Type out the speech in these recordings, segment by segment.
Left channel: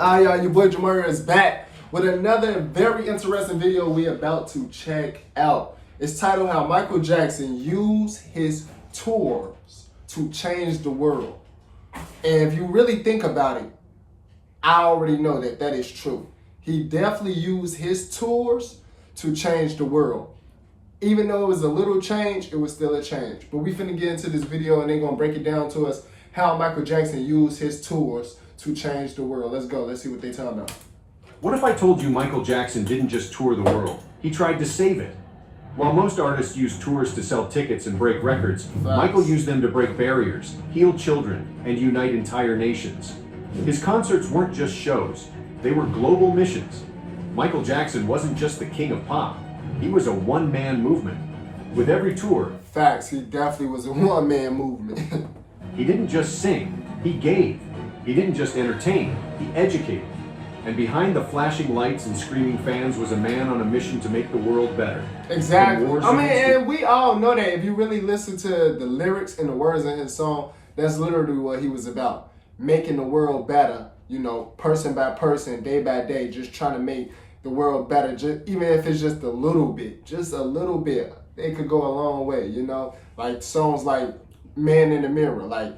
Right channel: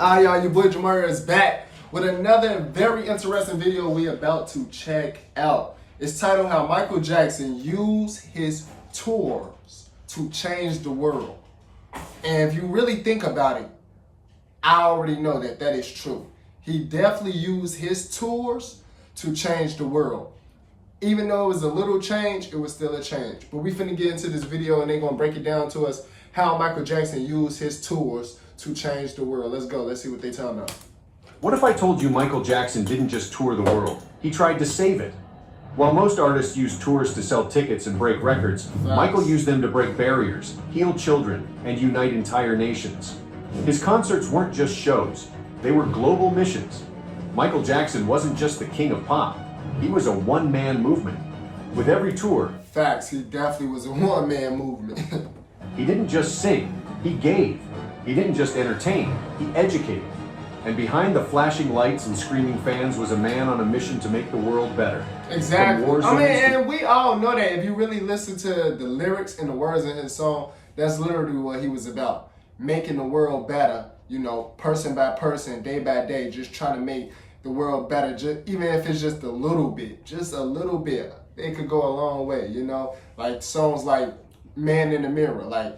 Y'all, your boy Jamari is back with another very interesting video we about to check out. It's titled How Michael Jackson Used His Tours to Change the World. And if you really think about it, I already know that that is true. He definitely used his tours to change the world. Even though it was a little change, it was still a change. But we finna get into this video and they're gonna break it down to us how Michael Jackson used his tours to change the world. Let's go, let's see what they talking about. What if I told you Michael Jackson didn't just tour the world, he tried to save it? While most artists use tours to sell tickets and break records, Michael used them to break barriers, heal children, and unite entire nations. His concerts weren't just shows, they were global missions. Michael Jackson wasn't just the king of pop, he was a one-man movement. With every tour, Facts, he definitely was a one-man movement. he didn't just sing, he gave. He didn't just entertain, he educated. And behind the flashing lights and screaming fans was a man on a mission to make the world better. Exactly. I mean, and we all know that if you really listen to the lyrics and the words in his song, that's literally what he was about. Making the world better, you know, person by person, day by day, just trying to make the world better, just, even if it's just a little bit, it could go a long way, you know? Like songs like Man in the Mirror, like,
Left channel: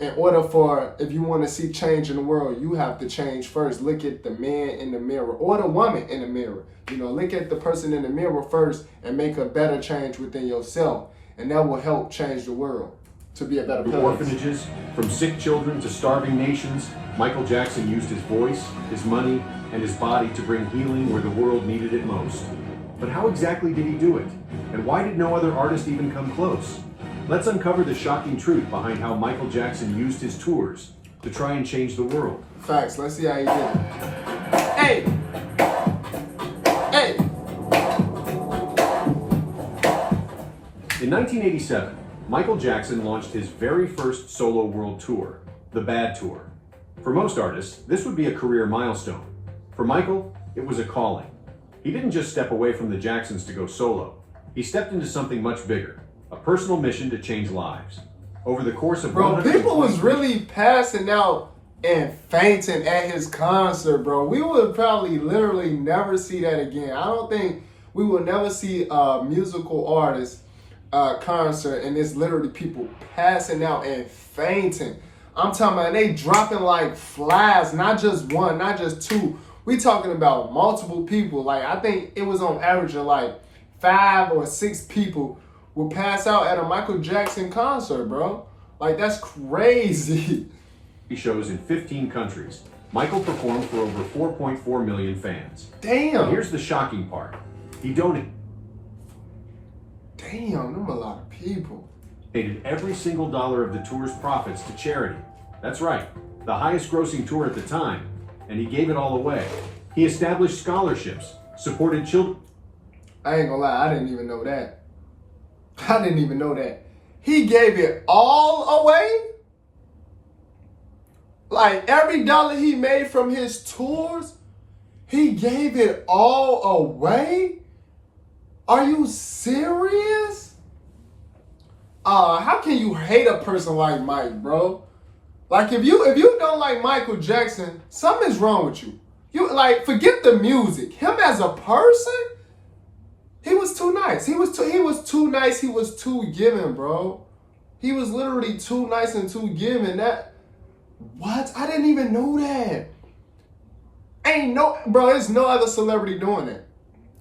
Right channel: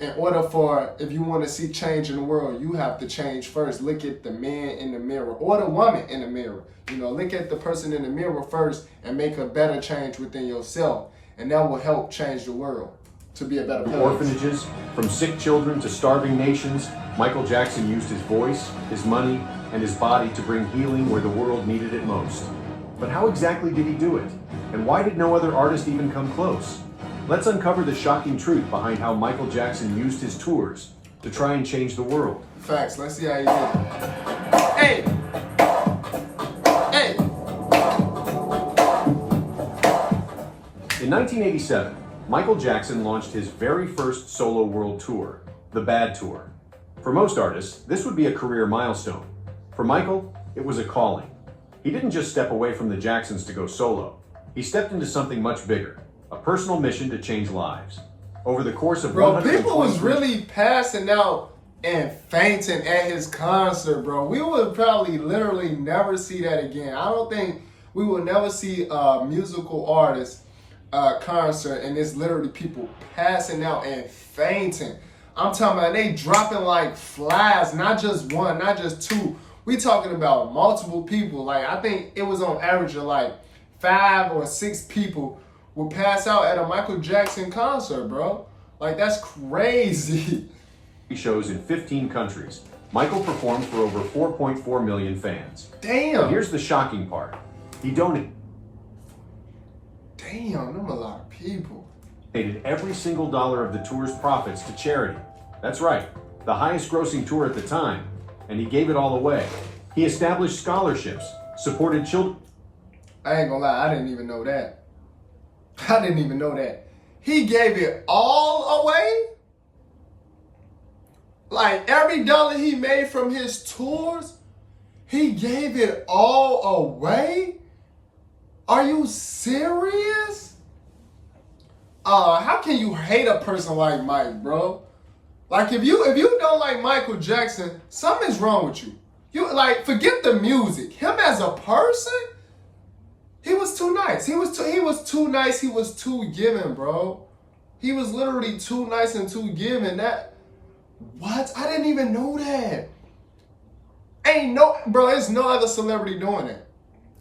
in order for, if you want to see change in the world, you have to change first. Look at the man in the mirror or the woman in the mirror. You know, look at the person in the mirror first and make a better change within yourself. And that will help change the world to be a better place. Orphanages, from sick children to starving nations, Michael Jackson used his voice, his money, and his body to bring healing where the world needed it most. But how exactly did he do it? And why did no other artist even come close? Let's uncover the shocking truth behind how Michael Jackson used his tours to try and change the world. Facts. Let's see how he did it. Hey! Hey! In 1987, Michael Jackson launched his very first solo world tour, the Bad Tour. For most artists, this would be a career milestone. For Michael, it was a calling. He didn't just step away from the Jacksons to go solo. He stepped into something much bigger. A personal mission to change lives. Over the course of people was really passing out and fainting at his concert, bro. We would probably literally never see that again. I don't think we will never see a musical artist concert and it's literally people passing out and fainting. I'm talking about they dropping like flies, not just one, not just two. We talking about multiple people. Like I think it was on average of like 5 or 6 people would pass out at a Michael Jackson concert, bro. Like, that's crazy. Shows in 15 countries. Michael performed for over 4.4 million fans. Damn. And here's the shocking part. He donated them a lot of people. Every single dollar of the tour's profits to charity. That's right, the highest grossing tour at the time. And he gave it all away. He established scholarships, supported children. I ain't gonna lie, I didn't even know that. He gave it all away? Like every dollar he made from his tours, he gave it all away? Are you serious? How can you hate a person like Mike, bro? Like if you don't like Michael Jackson, something's wrong with you. You like forget the music. Him as a person? He was too nice. He was too nice. He was too giving, bro. He was literally too nice and too giving. What? I didn't even know that. There's no other celebrity doing that.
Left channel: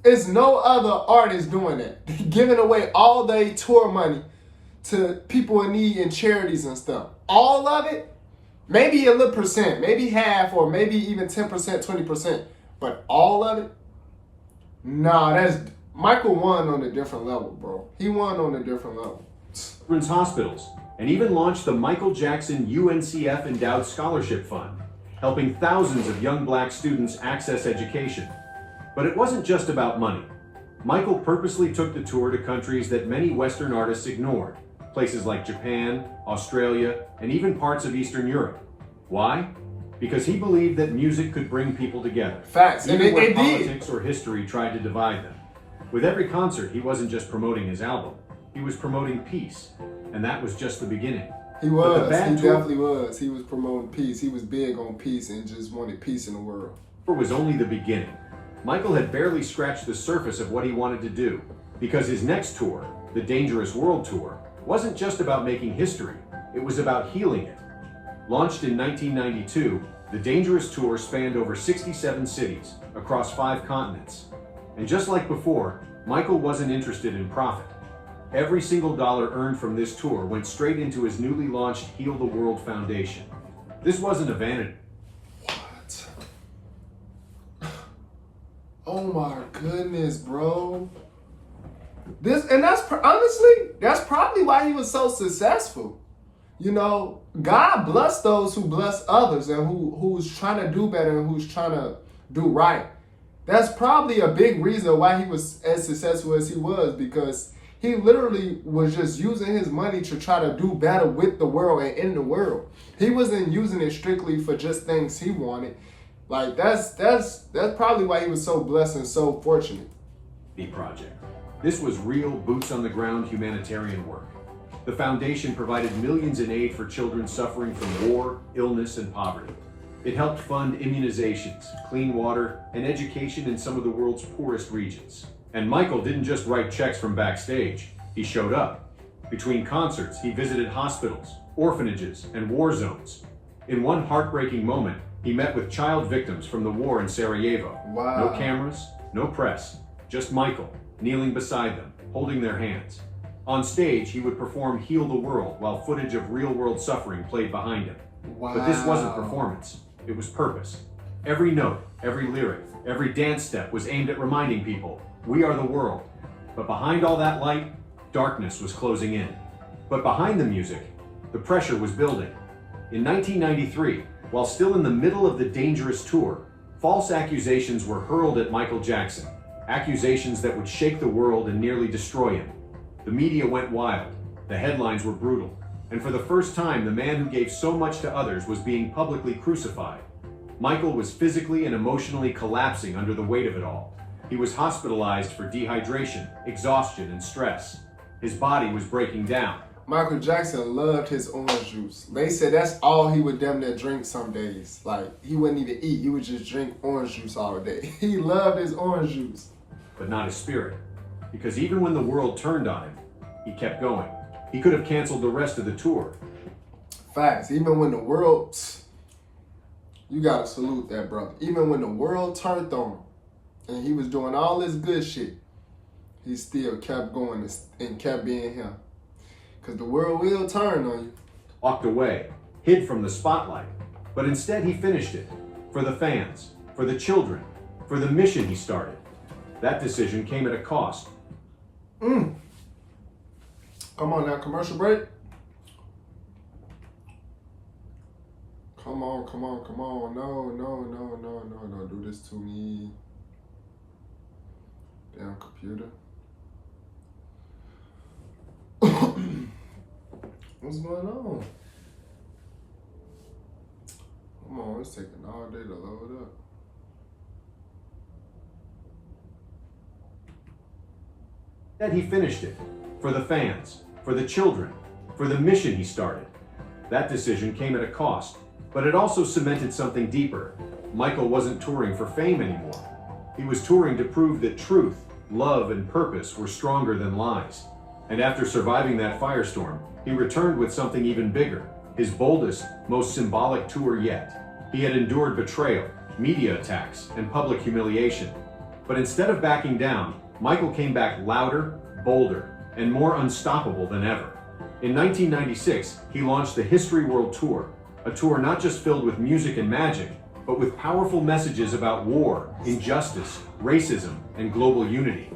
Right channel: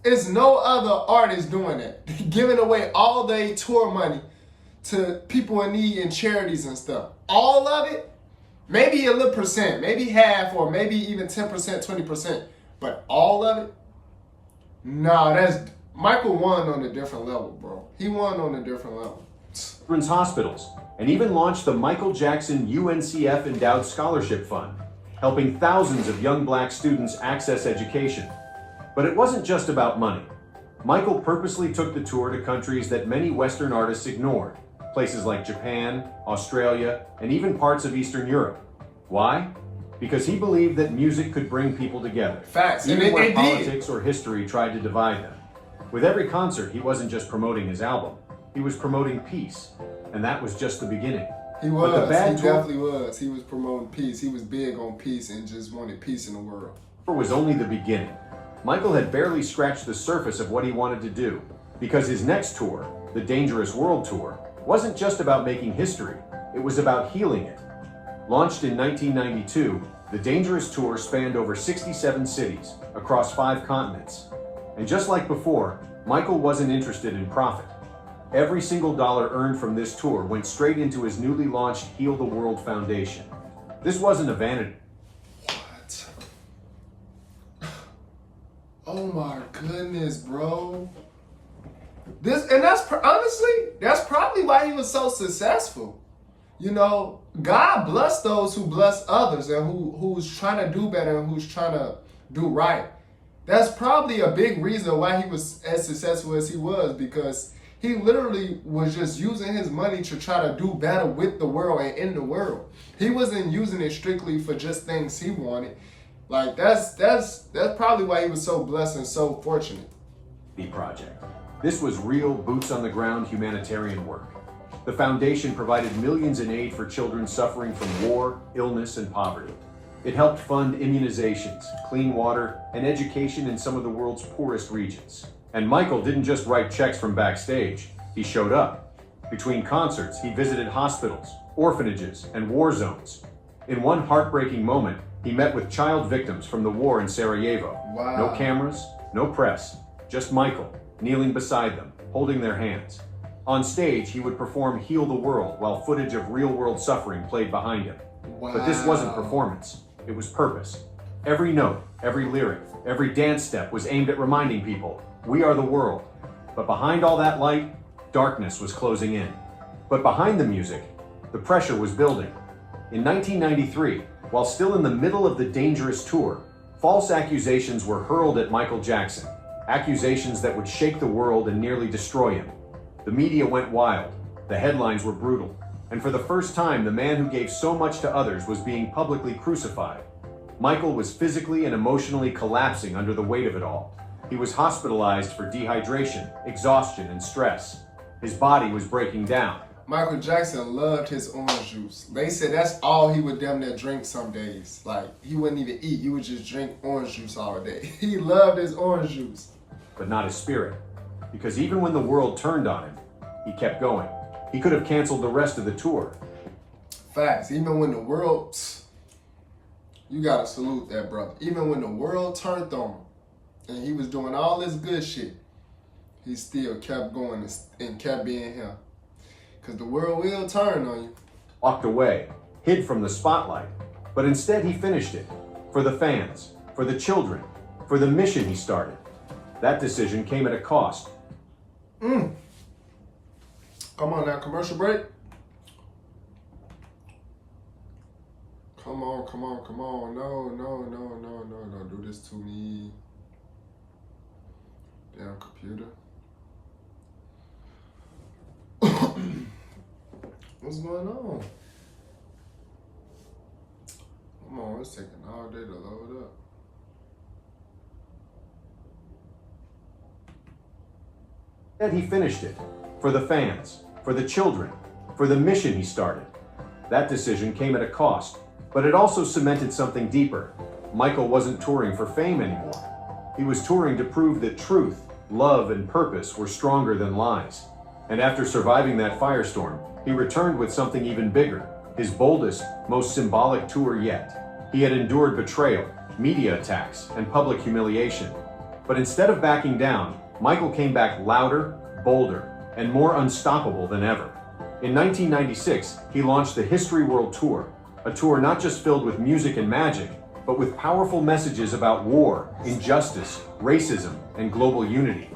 There's no other artist doing that. Giving away all their tour money to people in need and charities and stuff. All of it? Maybe a little percent, maybe half, or maybe even 10%, 20%. But all of it? Nah, Michael won on a different level, bro. He won on a different level. Children's hospitals, and even launched the Michael Jackson UNCF Endowed Scholarship Fund, helping thousands of young black students access education. But it wasn't just about money. Michael purposely took the tour to countries that many Western artists ignored, places like Japan, Australia, and even parts of Eastern Europe. Why? Because he believed that music could bring people together. Facts, even where politics or history tried to divide them. With every concert, he wasn't just promoting his album, he was promoting peace, and that was just the beginning. He But the was. bad He tour definitely was. He was promoting peace. He was big on peace and just wanted peace in the world. was only the beginning. Michael had barely scratched the surface of what he wanted to do, because his next tour, the Dangerous World Tour, wasn't just about making history, it was about healing it. Launched in 1992, the Dangerous Tour spanned over 67 cities across 5 continents. And just like before, Michael wasn't interested in profit. Every single dollar earned from this tour went straight into his newly launched Heal the World Foundation. This wasn't a vanity. What? Oh my goodness, bro. Honestly, that's probably why he was so successful. You know, God bless those who bless others and who's trying to do better and who's trying to do right. That's probably a big reason why he was as successful as he was, because he literally was just using his money to try to do better with the world and in the world. He wasn't using it strictly for just things he wanted. Like that's probably why he was so blessed and so fortunate. Project. This was real boots on the ground humanitarian work. The foundation provided millions in aid for children suffering from war, illness, and poverty. It helped fund immunizations, clean water, and education in some of the world's poorest regions. And Michael didn't just write checks from backstage, he showed up. Between concerts, he visited hospitals, orphanages, and war zones. In one heartbreaking moment, he met with child victims from the war in Sarajevo. Wow. No cameras, no press, just Michael, kneeling beside them, holding their hands. On stage, he would perform Heal the World while footage of real-world suffering played behind him. Wow. But this wasn't performance, it was purpose. Every note, every lyric, every dance step was aimed at reminding people, we are the world. But behind all that light, darkness was closing in. But behind the music, the pressure was building. In 1993, while still in the middle of the Dangerous Tour, false accusations were hurled at Michael Jackson. Accusations that would shake the world and nearly destroy him. The media went wild. The headlines were brutal. And for the first time, the man who gave so much to others was being publicly crucified. Michael was physically and emotionally collapsing under the weight of it all. He was hospitalized for dehydration, exhaustion, and stress. His body was breaking down. Michael Jackson loved his orange juice. They said that's all he would damn near drink some days. Like, he wouldn't even eat. He would just drink orange juice all day. He loved his orange juice. But not his spirit. Because even when the world turned on him, he kept going. He could have canceled the rest of the tour. Facts. Even when the world... You gotta salute that brother. Even when the world turned on him, and he was doing all this good shit, he still kept going and kept being him. Because the world will turn on you. Walked away, hid from the spotlight. But instead he finished it. For the fans, for the children, for the mission he started. That decision came at a cost. Come on now, commercial break. Come on. No, don't do this to me. Damn computer. What's going on? Come on, it's taking all day to load up. Then he finished it. For the fans, for the children, for the mission he started. That decision came at a cost, but it also cemented something deeper. Michael wasn't touring for fame anymore. He was touring to prove that truth, love, and purpose were stronger than lies. And after surviving that firestorm, he returned with something even bigger, his boldest, most symbolic tour yet. He had endured betrayal, media attacks, and public humiliation. But instead of backing down, Michael came back louder, bolder, and more unstoppable than ever. In 1996, he launched the History World Tour, a tour not just filled with music and magic, but with powerful messages about war, injustice, racism, and global unity.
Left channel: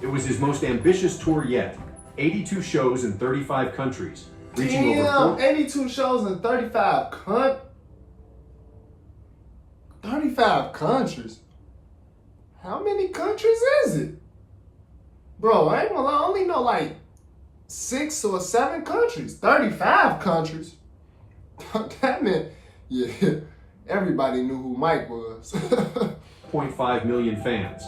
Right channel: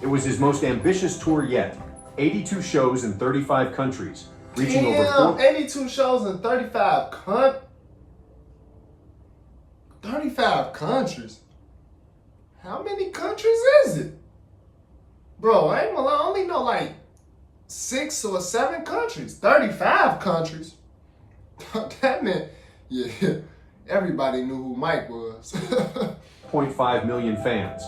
It was his most ambitious tour yet, 82 shows in 35 countries, reaching over 82 shows in 35 countries. How many countries is it? Bro, I only know like 6 or 7 countries. 35 countries. That meant, yeah, everybody knew who Mike was. 0.5 million fans.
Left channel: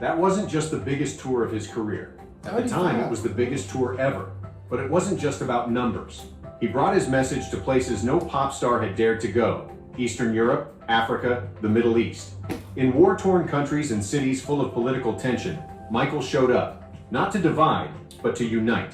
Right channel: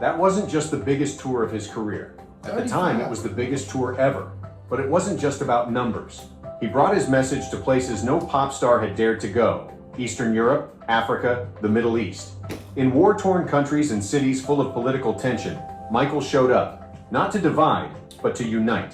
That wasn't just the biggest tour of his career. At the time, it was the biggest tour ever. But it wasn't just about numbers. He brought his message to places no pop star had dared to go: Eastern Europe, Africa, the Middle East. In war-torn countries and cities full of political tension, Michael showed up, not to divide, but to unite.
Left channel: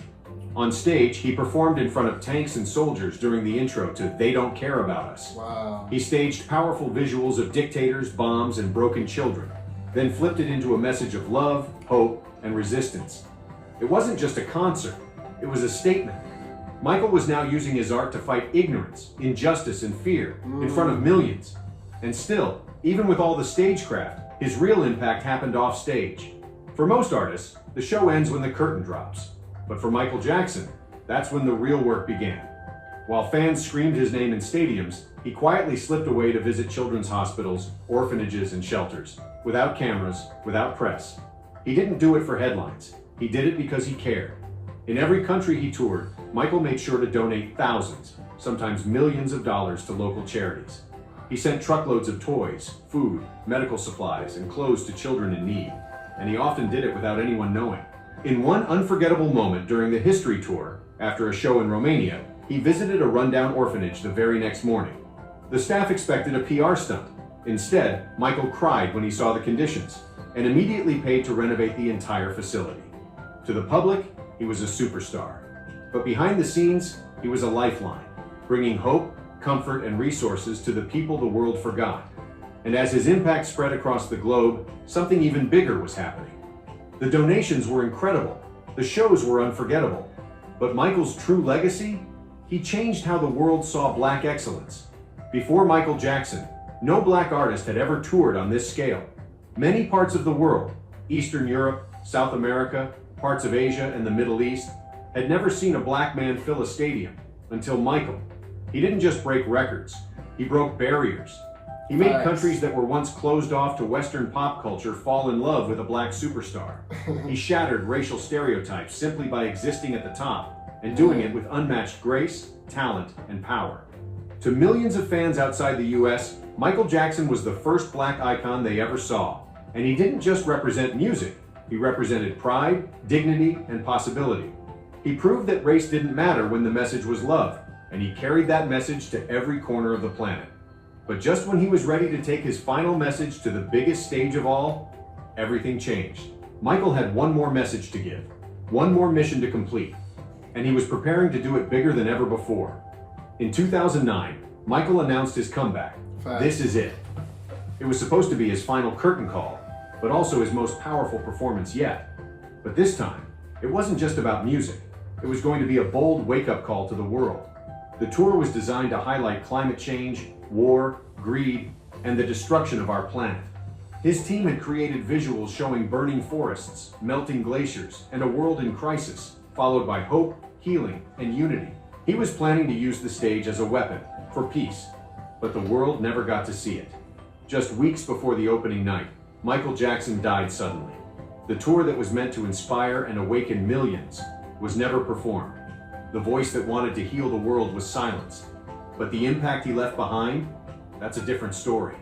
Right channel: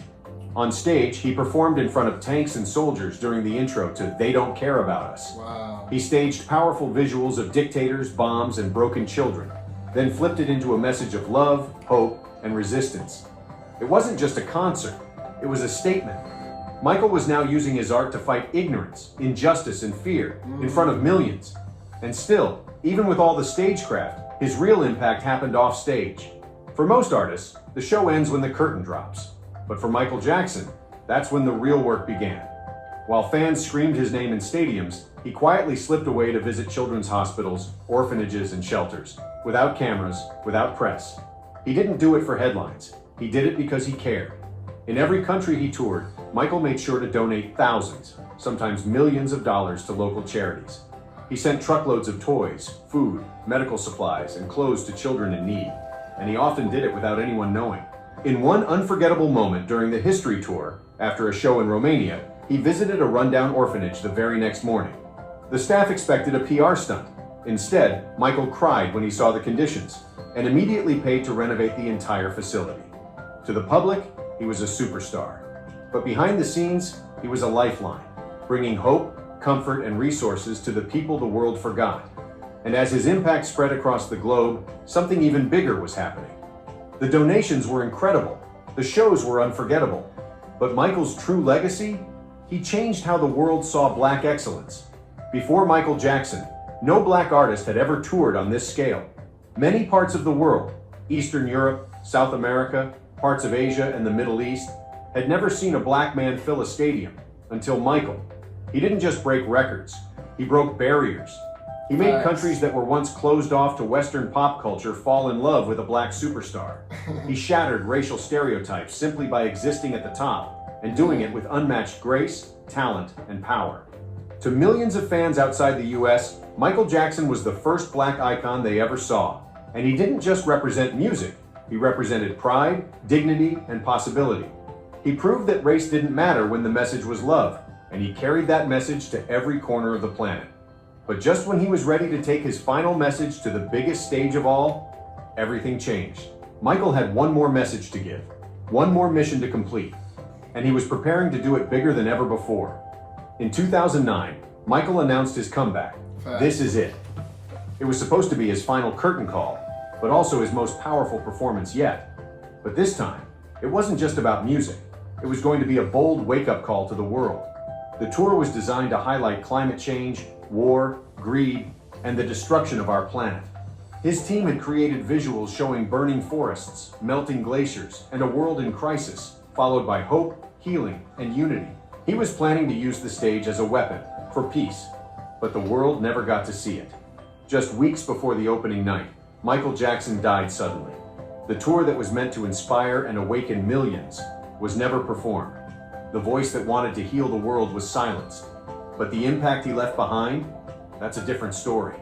On stage, he performed in front of tanks and soldiers during the intro to They Don't Care About Us. Wow. He staged powerful visuals of dictators, bombs, and broken children, then flipped it into a message of love, hope, and resistance. It wasn't just a concert, it was a statement. Michael was now using his art to fight ignorance, injustice, and fear in front of millions. And still, even with all the stagecraft, his real impact happened off stage. For most artists, the show ends when the curtain drops. But for Michael Jackson, that's when the real work began. While fans screamed his name in stadiums, he quietly slipped away to visit children's hospitals, orphanages, and shelters, without cameras, without press. He didn't do it for headlines. He did it because he cared. In every country he toured, Michael made sure to donate thousands, sometimes millions of dollars to local charities. He sent truckloads of toys, food, medical supplies, and clothes to children in need, and he often did it without anyone knowing. In one unforgettable moment during the History Tour, after a show in Romania, he visited a rundown orphanage the very next morning. The staff expected a PR stunt. Instead, Michael cried when he saw the conditions and immediately paid to renovate the entire facility. To the public, he was a superstar. But behind the scenes, he was a lifeline, bringing hope, comfort, and resources to the people the world forgot. And as his impact spread across the globe, something even bigger was happening. The donations were incredible. The shows were unforgettable. But Michael's true legacy? He changed how the world saw Black excellence. Before Michael Jackson, no Black artist had ever toured on this scale. Many parts of the world, Eastern Europe, South America, parts of Asia, and the Middle East, had never seen a Black man fill a stadium until Michael. He didn't just break records, he broke barriers. He made countries that were once closed off to Western pop culture fall in love with a Black superstar. He shattered racial stereotypes simply by existing at the top and doing it with unmatched grace, talent, and power. To millions of fans outside the US, Michael Jackson was the first Black icon they ever saw. And he didn't just represent music, he represented pride, dignity, and possibility. He proved that race didn't matter when the message was love, and he carried that message to every corner of the planet. But just when he was ready to take his final message to the biggest stage of all, everything changed. Michael had one more message to give, one more mission to complete, and he was preparing to do it bigger than ever before. In 2009, Michael announced his comeback. This is it. It was supposed to be his final curtain call, but also his most powerful performance yet. But this time, it wasn't just about music. It was going to be a bold wake-up call to the world. The tour was designed to highlight climate change, war, greed, and the destruction of our planet. His team had created visuals showing burning forests, melting glaciers, and a world in crisis, followed by hope, healing, and unity. He was planning to use the stage as a weapon for peace, but the world never got to see it. Just weeks before the opening night, Michael Jackson died suddenly. The tour that was meant to inspire and awaken millions was never performed. The voice that wanted to heal the world was silenced. But the impact he left behind, that's a different story.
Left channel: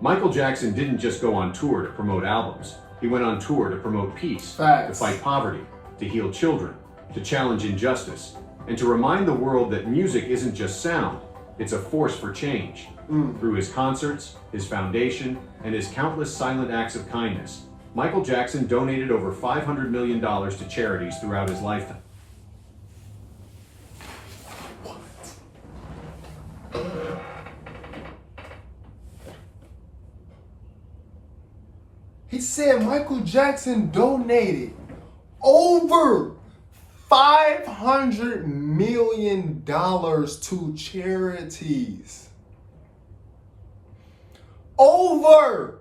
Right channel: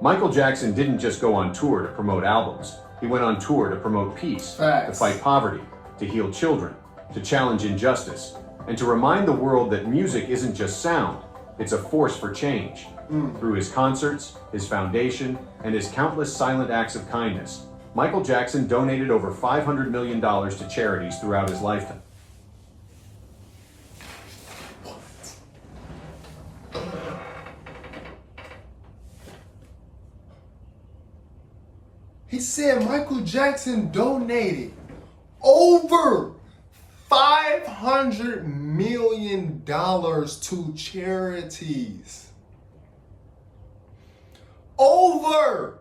Michael Jackson didn't just go on tour to promote albums. He went on tour to promote peace, to fight poverty, to heal children, to challenge injustice, and to remind the world that music isn't just sound, it's a force for change. Through his concerts, his foundation, and his countless silent acts of kindness, Michael Jackson donated over $500 million to charities throughout his lifetime. He said Michael Jackson donated over $500 million to charities. Over.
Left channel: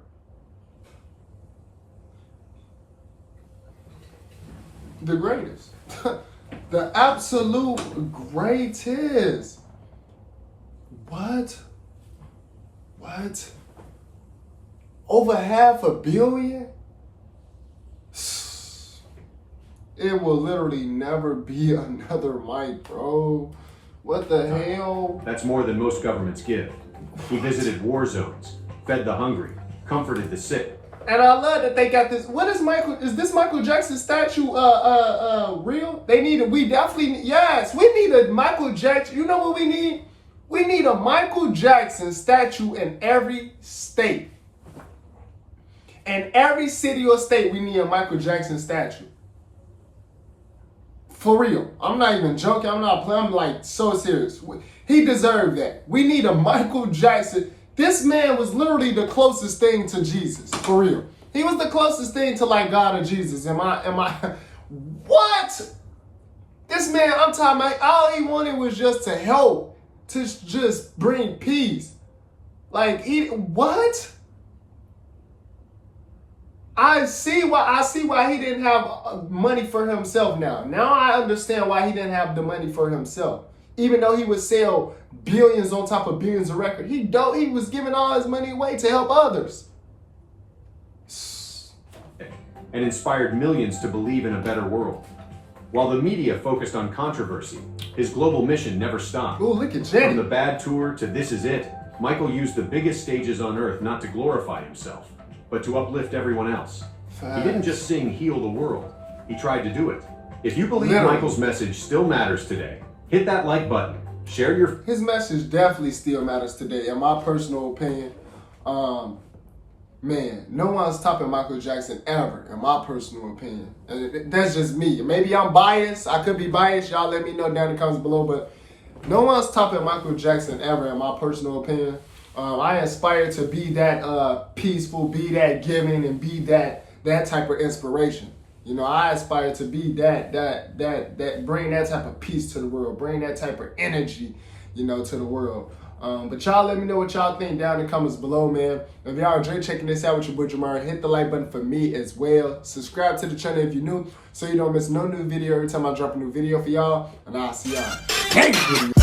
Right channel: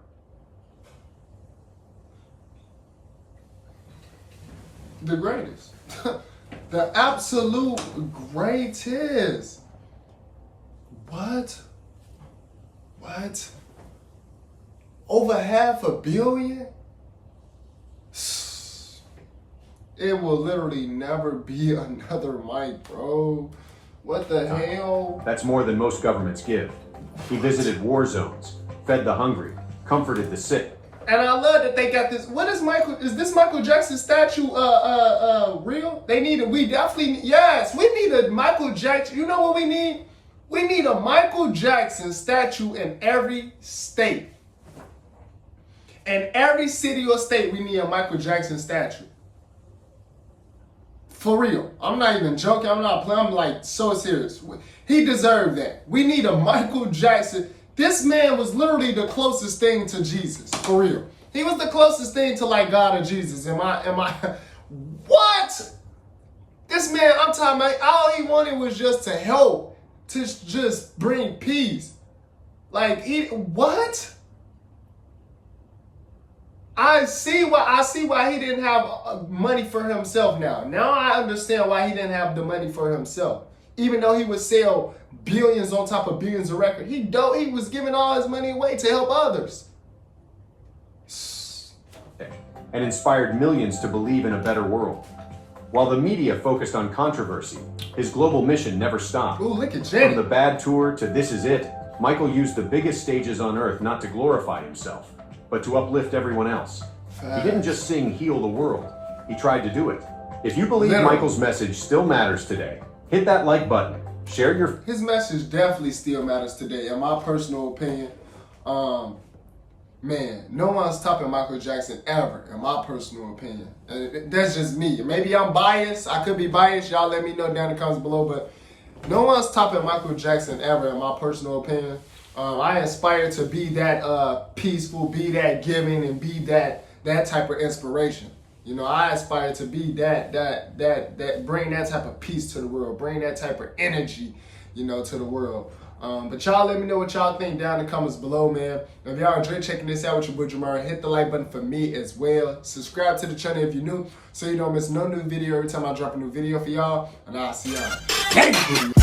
The greatest. The absolute greatest. What? Over $500 million? It will literally never be another Mike, bro. What the hell? That's more than most governments give. He visited war zones, fed the hungry, comforted the sick, And I love that they got this. What is this Michael Jackson statue real? We definitely, yes, we need a Michael Jackson. You know what we need? We need a Michael Jackson statue in every state. In every city or state, we need a Michael Jackson statue. For real. I'm not even joking. I'm not playing. I'm like so serious. He deserved that. We need a Michael Jackson. This man was literally the closest thing to Jesus. For real. He was the closest thing to like God or Jesus. Am I what? This man, I'm talking about, all he wanted was just to help, to just bring peace. Like, what? I see why he didn't have money for himself now. Now I understand why he didn't have the money for himself. Even though he would sell billions on top of billions of records, he was giving all his money away to help others. And inspired millions to believe in a better world. While the media focused on controversy, his global mission never stopped. Ooh, look at Jenny. From the Bad Tour to This Is It, Michael used the biggest stages on earth not to glorify himself, but to uplift everyone else. He didn't just sing Heal the World, he tried to do it. If you believe Michael's message still matters today, hit that like button, share your... His message definitely still matters today, in my personal opinion. Man, no one's topping Michael Jackson ever, in my personal opinion. That's just me. Maybe I'm biased. I could be biased. Y'all let me know down in the comments below, but no one's topping Michael Jackson ever, in my personal opinion. I aspire to be that peaceful, be that giving, and be that type of inspiration. You know, I aspire to be that bring that type of peace to the world, bring that type of energy, you know, to the world. But y'all let me know what y'all think down in the comments below, man. If y'all enjoy checking this out with your boy Jamar, hit the like button for me as well. Subscribe to the channel if you're new, so you don't miss no new video every time I drop a new video for y'all. And I'll see y'all next video.